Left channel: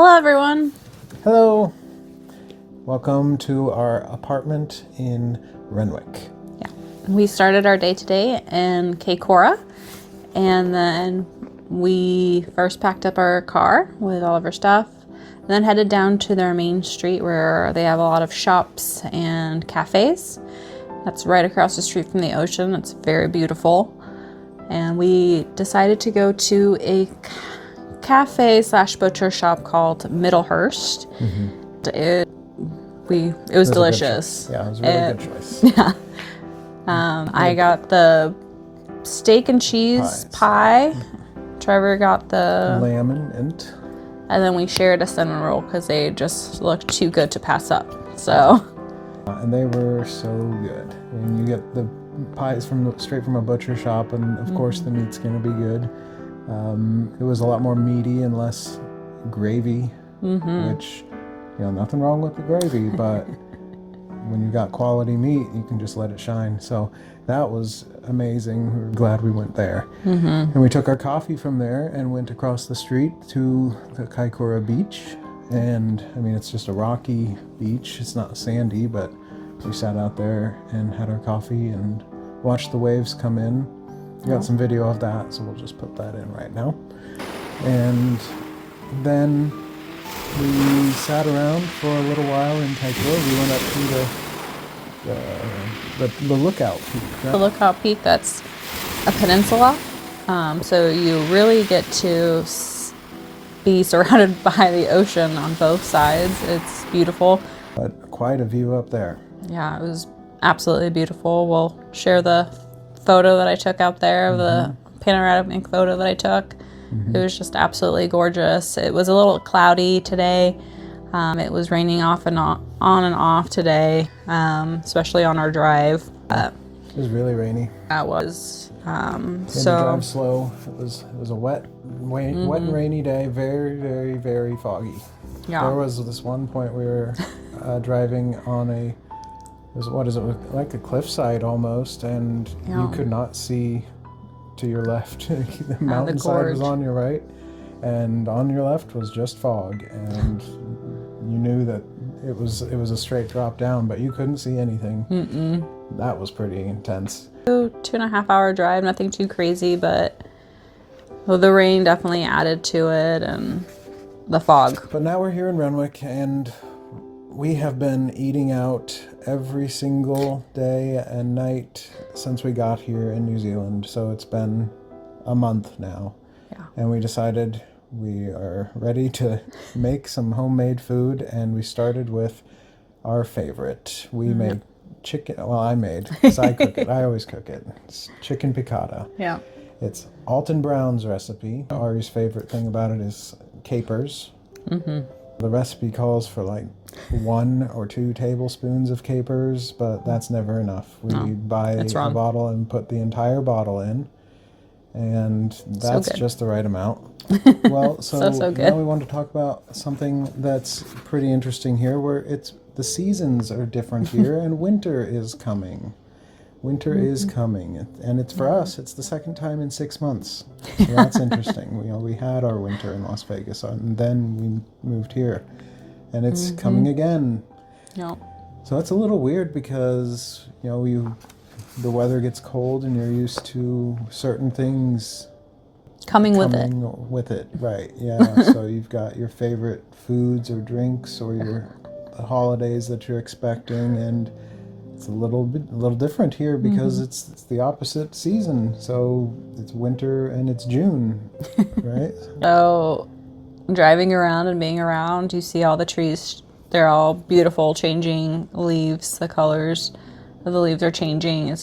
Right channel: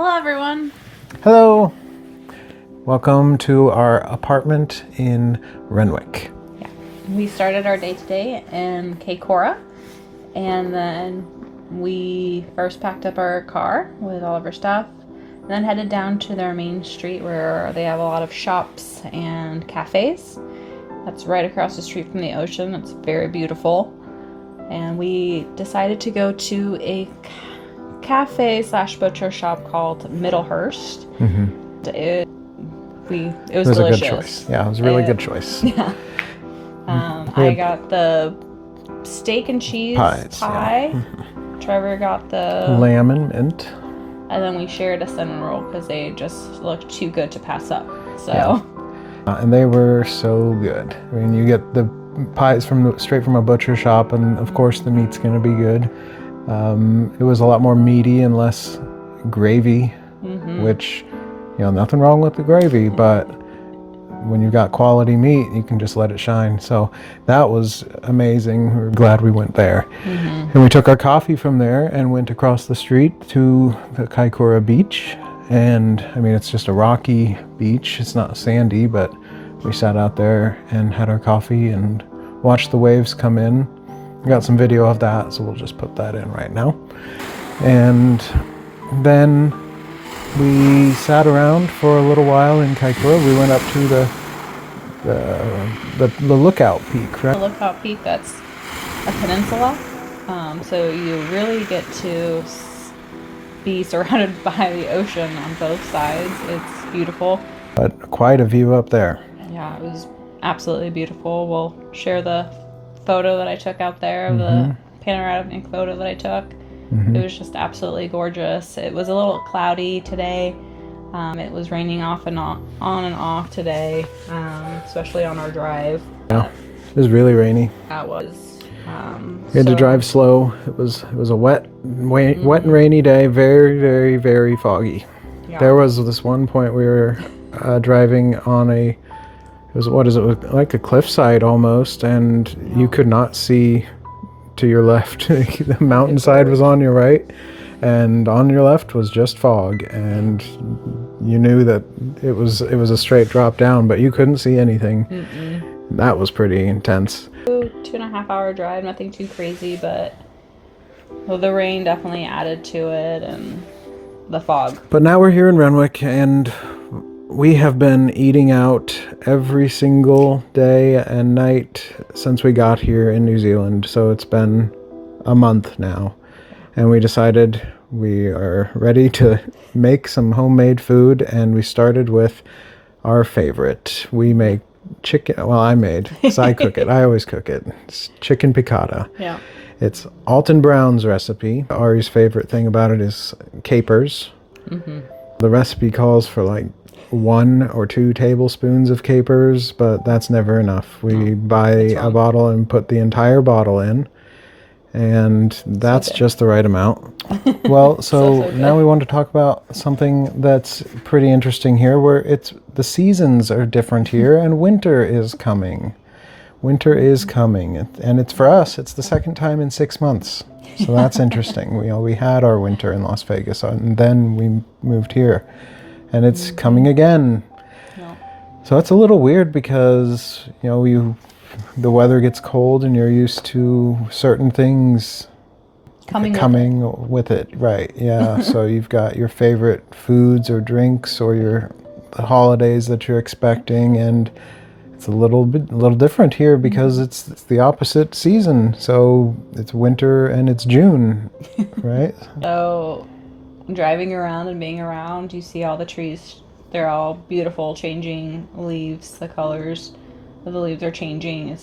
Hello, everyone. Hello. Welcome to our apartment in Renwick. We started our day today in Cora, and then we first packed up our car with all of our stuff, and then headed down to their main street where they have a lot of shops and cafes. That's right across the street from the ocean. It's very beautiful. And we decided to go to a cafe / butcher shop called Middlehurst. Mm-hmm. It was delicious. Yeah, it was a really good choice. Yeah. I got the steak and cheese pie. Trevor got the lamb and mint. And then we shared a cinnamon roll because they just looked too good to pass up. So. And they were so good. I mean, you get the pies straight from a butcher shop, and of course the meat's going to be good. It was a lot more meaty and less gravy, which, nothing wrong with the gravy, but when you got quality meat, you can just let it shine. So that was amazing. We're glad we went there. And we took our coffee from there and went across the street to the Kaikoura beach. And I mean, it's just a rocky beach. It's not sandy, but we sat out there and had our coffee and watched the waves come in. I got some video of that, so we'll just put that in right now. And then we sat around for a little while in Kaikoura. We went up to the lookout peak, right? The lookout peak, that's a peninsula. So you really get to be surrounded by the ocean on both sides. It's beautiful. But quite a view up there. Yeah, it was absolutely beautiful. We'll share the photo that I took out there, the panoramic photo that I took. It was just absolutely gorgeous. It was a little cloudy today. It was raining off and on and off today, especially on our drive. Yeah, it was really rainy. That was. We had to drive slow. It was a wet and rainy day. Very, very, very foggy. Yeah. There was this one point we were driving on like a cliffside almost, and you could not see to your left. The mountainside was on your right, and on your left was just fog, and you knew that it was a straight drop down, but you couldn't see anything. That was pretty intense. 2.5 hour drive, nothing too crazy, but the rain definitely added to it, and the fog. But now we're here in Renwick, and we have been eating out every single day and night since we got here in New Zealand. So it's been a month now. And we decided we are ready to make some homemade food, and we started with our favorite. We make chicken. Well, I made, because I cook it. I always cook it. It's chicken piccata. Yeah. It's Alton Brown's recipe. Ari's favorite thing about it is capers. The recipe calls for like 1 or 2 tablespoons of capers, but that's never enough. We buy a bottle and put the entire bottle in, and that's just the right amount. Well, so now we want to talk about something that's pretty interesting here, where the seasons are different here, and winter is coming. Winter is coming, and it's for us. It's the second time in 6 months, so that's interesting. We had our winter in Las Vegas, and then we moved here, and it's coming again. No. So it's a little weird because the weather gets cold, and you're used to certain things coming with it, right? Yeah. So you've got your favorite foods or drinks, or the holidays that you're expecting, and it's a little different here because it's the opposite season. So it's winter and it's June, right? So driving around and being around, you see all the trees. They're all beautiful, changing leaves. The colors of the leaves are changing.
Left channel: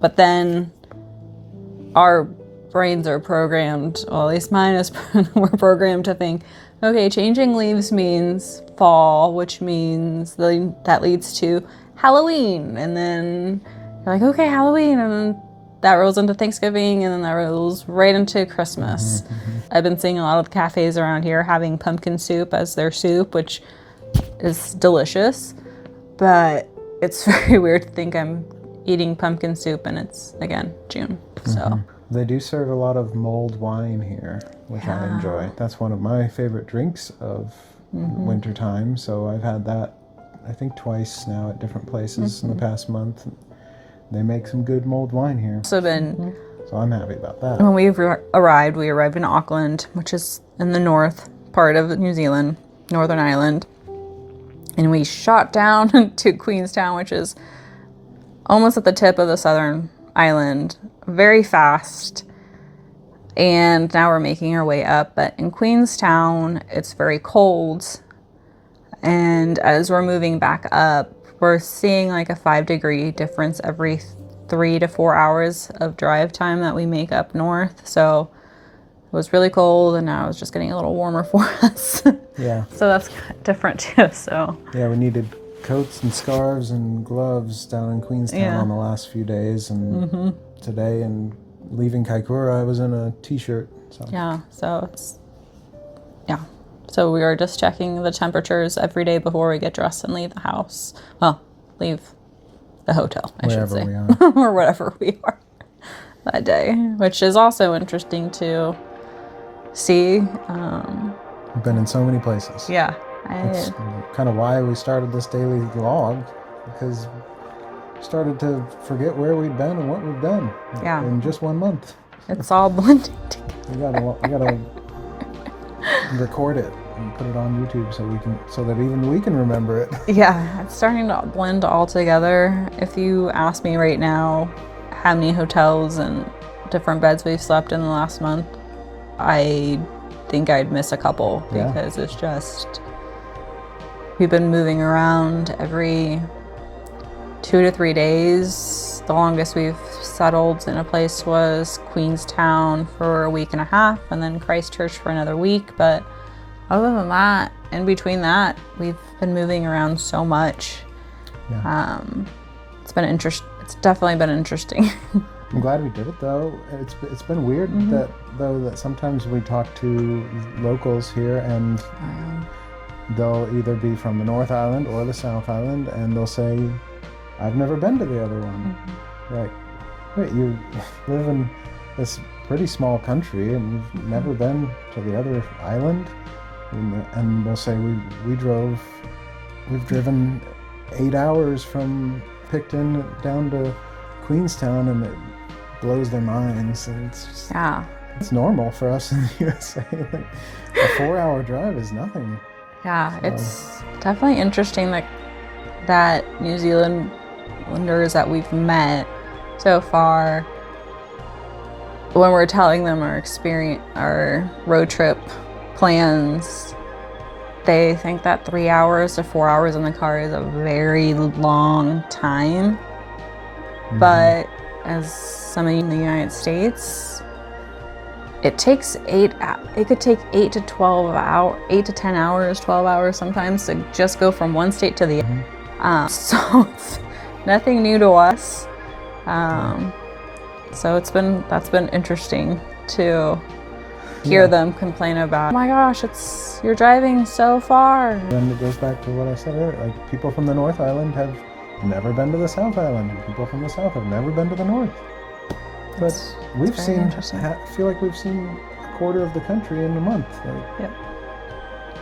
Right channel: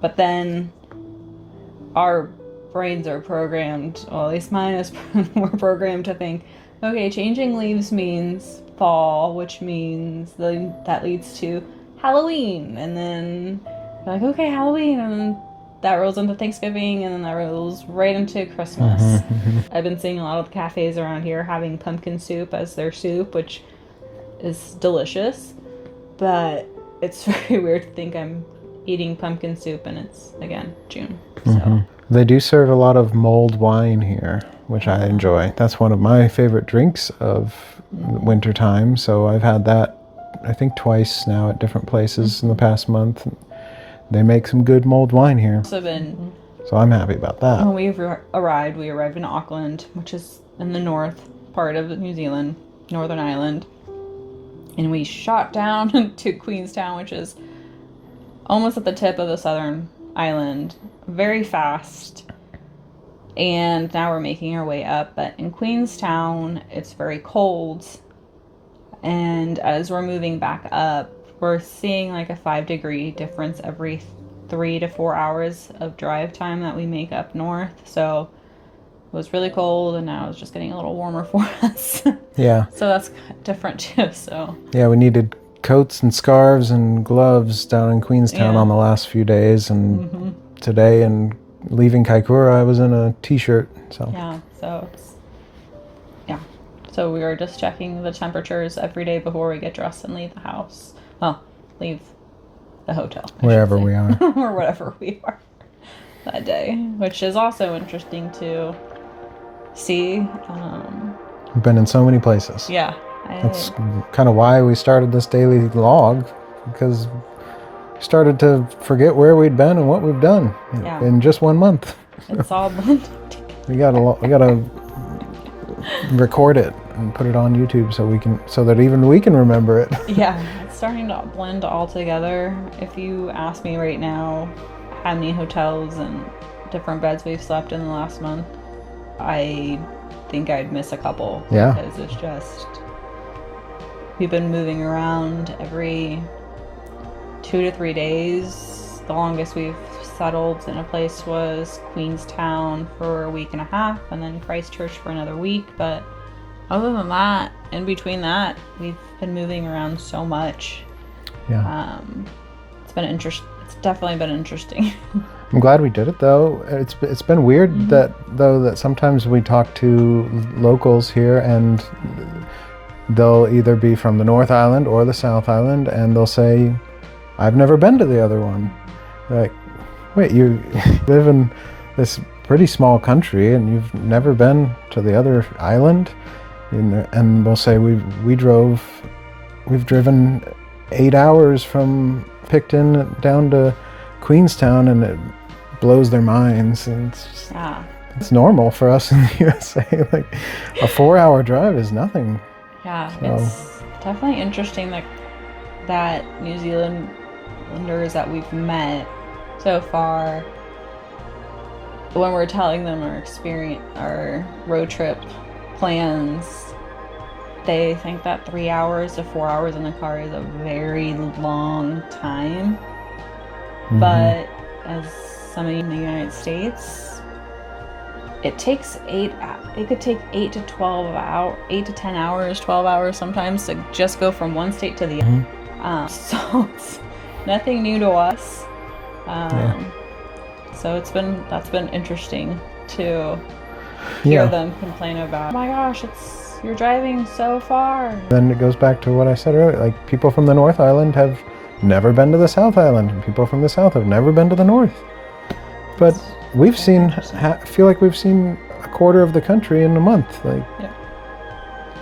But then our brains are programmed, well, at least mine is, we're programmed to think, okay, changing leaves means fall, which means that leads to Halloween, and then you're like, okay, Halloween, and then that rolls into Thanksgiving, and then that rolls right into Christmas. I've been seeing a lot of cafes around here having pumpkin soup as their soup, which is delicious, but it's very weird to think I'm eating pumpkin soup and it's, again, June. So They do serve a lot of mulled wine here, which I enjoy. That's one of my favorite drinks of winter time. So I've had that, I think, twice now at different places in the past month. They make some good mulled wine here. So I'm happy about that. when we arrived in Auckland, which is in the north part of New Zealand, Northern Ireland. And we shot down to Queenstown, which is almost at the tip of the southern island, very fast. And now we're making our way up. But in Queenstown, it's very cold. And as we're moving back up, we're seeing like a 5-degree difference every 3 to 4 hours of drive time that we make up north. So it was really cold, and now it's just getting a little warmer for us. Yeah. So that's different too. So yeah, we needed coats and scarves and gloves down in Queenstown on the last few days, and today, and leaving Kaikoura, I was in a t-shirt. So so we were just checking the temperatures every day before we get dressed and leave the house. Well, leave the hotel, wherever we are. or whatever we are that day, which is also interesting to see. We've been in so many places. Yeah. That's kind of why we started this daily log, because we started to forget where we'd been and what we've done in just 1 month. It's all blended together. We gotta record it and put it on YouTube so that even we can remember it. Yeah, it's starting to blend all together. If you ask me right now how many hotels and different beds we've slept in the last month, I think I'd miss a couple. Yeah. Because it's just, we've been moving around every 2 to 3 days. The longest we've settled in a place was Queenstown for a week and a half, and then Christchurch for another week. But other than that, in between that, we've been moving around so much. Yeah. It's definitely been interesting. I'm glad we did it, though. It's been weird that sometimes we talk to locals here, and they'll either be from the North Island or the South Island, and they'll say, "I've never been to the other one." Like, wait, you live in this pretty small country and you've never been to the other island? And we'll say we've driven 8 hours from Picton down to Queenstown, and it blows their minds. And it's just, it's normal for us in the USA. Like, a 4-hour drive is nothing. Yeah, it's definitely interesting that New Zealanders that we've met so far, when we're telling them our road trip plans, they think that 3 hours to 4 hours in the car is a very long time. But as somebody in the United States, it takes it could take 8 to 10 hours, 12 hours sometimes to just go from one state to the other. So it's nothing new to us. So that's been interesting to hear them complain about, "Oh my gosh, you're driving so far." Then it goes back to what I said earlier, like, people from the North Island have never been to the South Island, and people from the South have never been to the North. But we've feel like we've seen a quarter of the country in a month. Like,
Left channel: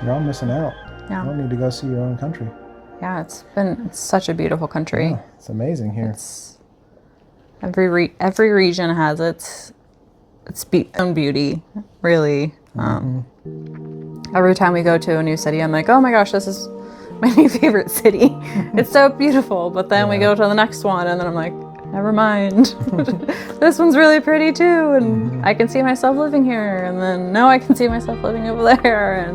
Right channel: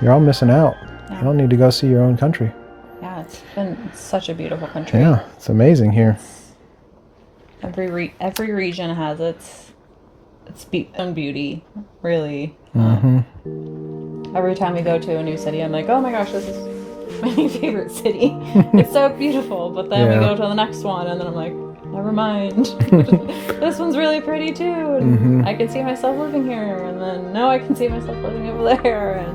you're all missing out. You don't need to go see your own country. Yeah, it's such a beautiful country. Yeah, it's amazing here. Every region has its own beauty, really. Every time we go to a new city, I'm like, "Oh my gosh, this is my new favorite city. It's so beautiful." But then we go to the next one, and then I'm like, "Never mind. This one's really pretty too, and I can see myself living here." And then, no, I can see myself living over there.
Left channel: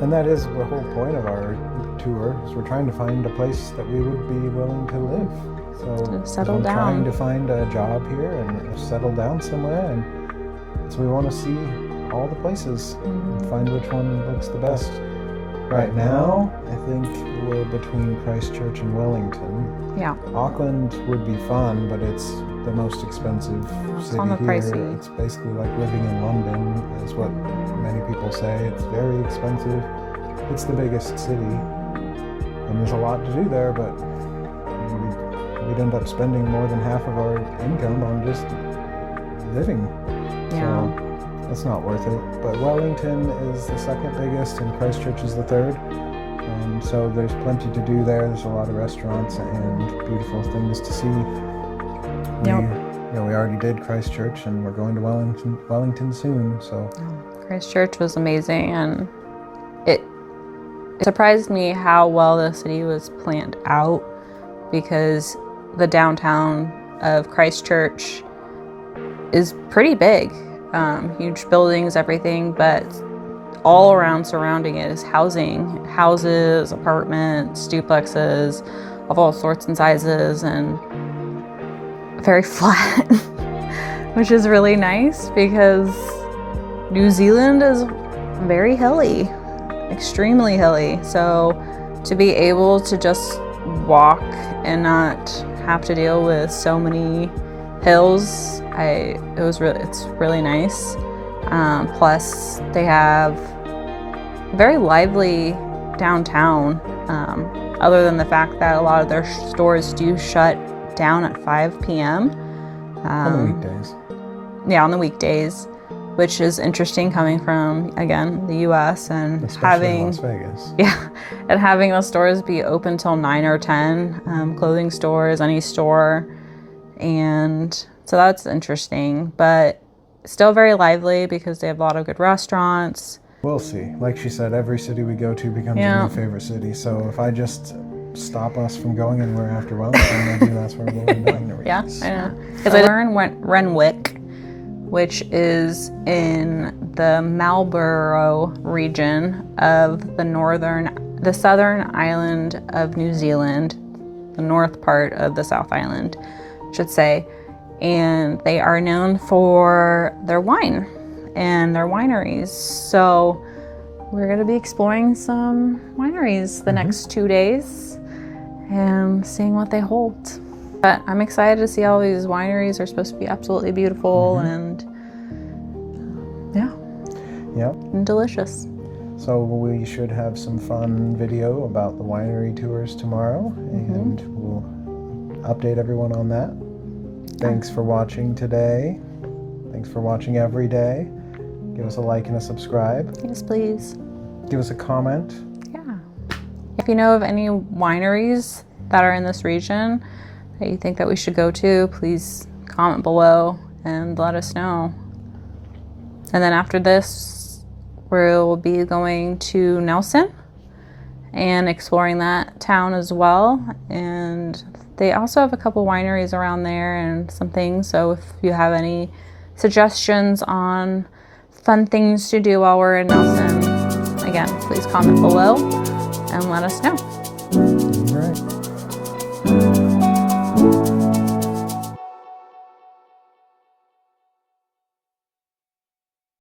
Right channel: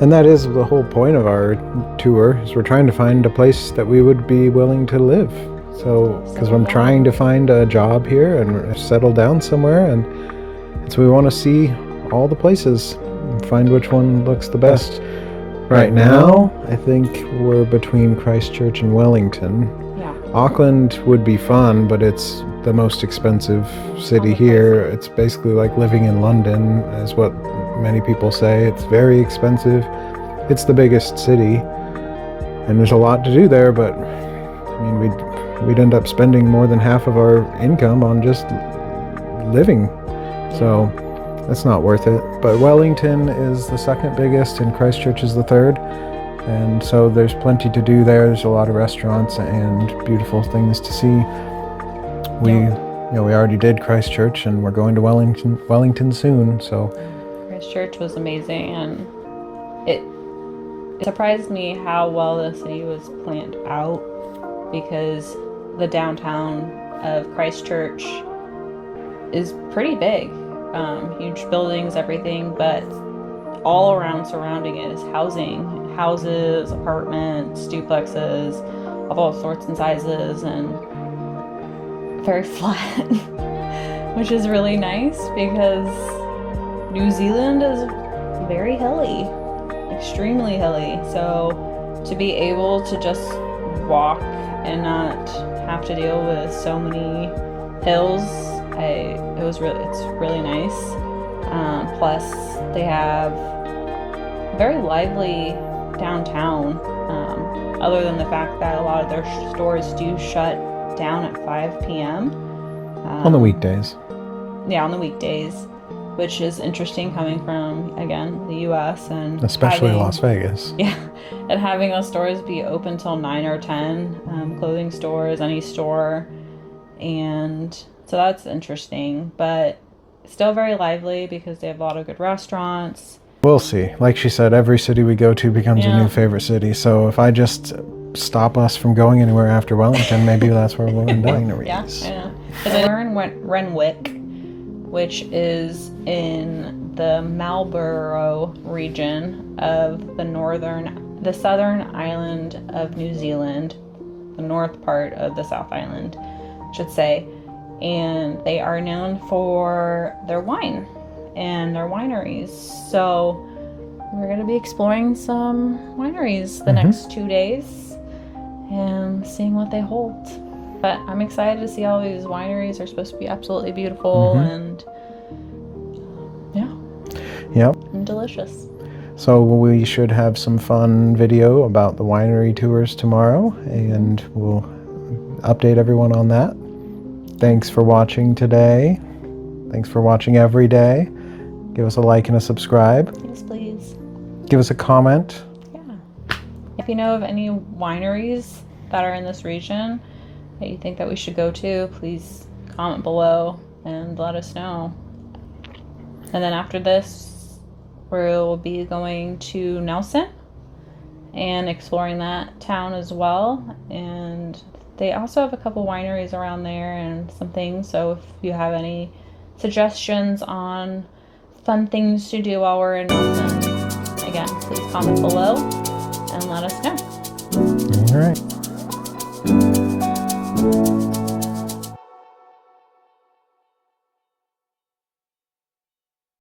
And that is the whole point of our tour, is we're trying to find a place that we would be willing to live. So, because I'm trying to find a job here and settle down somewhere, and so we want to see all the places and find which one looks the best. Right now, I think we're between Christchurch and Wellington. Yeah. Auckland would be fun, but it's the most expensive city here. It's basically like living in London, is what many people say. It's very expensive. It's the biggest city, and there's a lot to do there, but I mean, we'd end up spending more than half of our income on just living. So it's not worth it. But Wellington is the second biggest and Christchurch is the third. And so there's plenty to do there. There's a lot of restaurants and beautiful things to see. We already did Christchurch and we're going to Wellington soon, so. Christchurch was amazing, and it surprised me how well the city was planned out, because the downtown of Christchurch is pretty big, huge buildings, everything, but all around surrounding it is houses, apartments, duplexes of all sorts and sizes, and very flat, which is really nice because New Zealand is very hilly, extremely hilly. So to be able to just walk and not have to deal with so many hills, it's really nice. Plus they have very lively downtown, other than the fact that a lot of their stores do shut down at 5 p.m. On the weekdays. Yeah, on the weekdays, which is interesting coming from, again, the U.S. and especially Las Vegas. Yeah, and having the stores be open till 9 or 10, clothing stores, any store, and so that's interesting, but still very lively because they have a lot of good restaurants. We'll see. Like she said, every city we go to becomes a new favorite city. So if I just stop us from going anywhere after Wellington, maybe that's where we'll end up. Yeah, I know. Because I learned Renwick, which is in the Marlborough region of the southern island of New Zealand, the north part of the South Island, I should say. And they are known for their wine and their wineries. So we're going to be exploring some wineries the next 2 days and seeing what they hold. But I'm excited to see all these wineries. Are supposed to be absolutely beautiful and and delicious. So we should have some fun video about the winery tours tomorrow, and we'll update everyone on that. Thanks for watching today. Thanks for watching every day. Give us a like and a subscribe. Yes, please. Give us a comment. Yeah. If you know of any wineries that are in this region that you think that we should go to, please comment below and let us know. And then after this, we'll be going to Nelson and exploring that town as well. And they also have a couple wineries around there and some things. So if you have any suggestions on fun things to do while we're in Nelson, again, please comment below and let us know.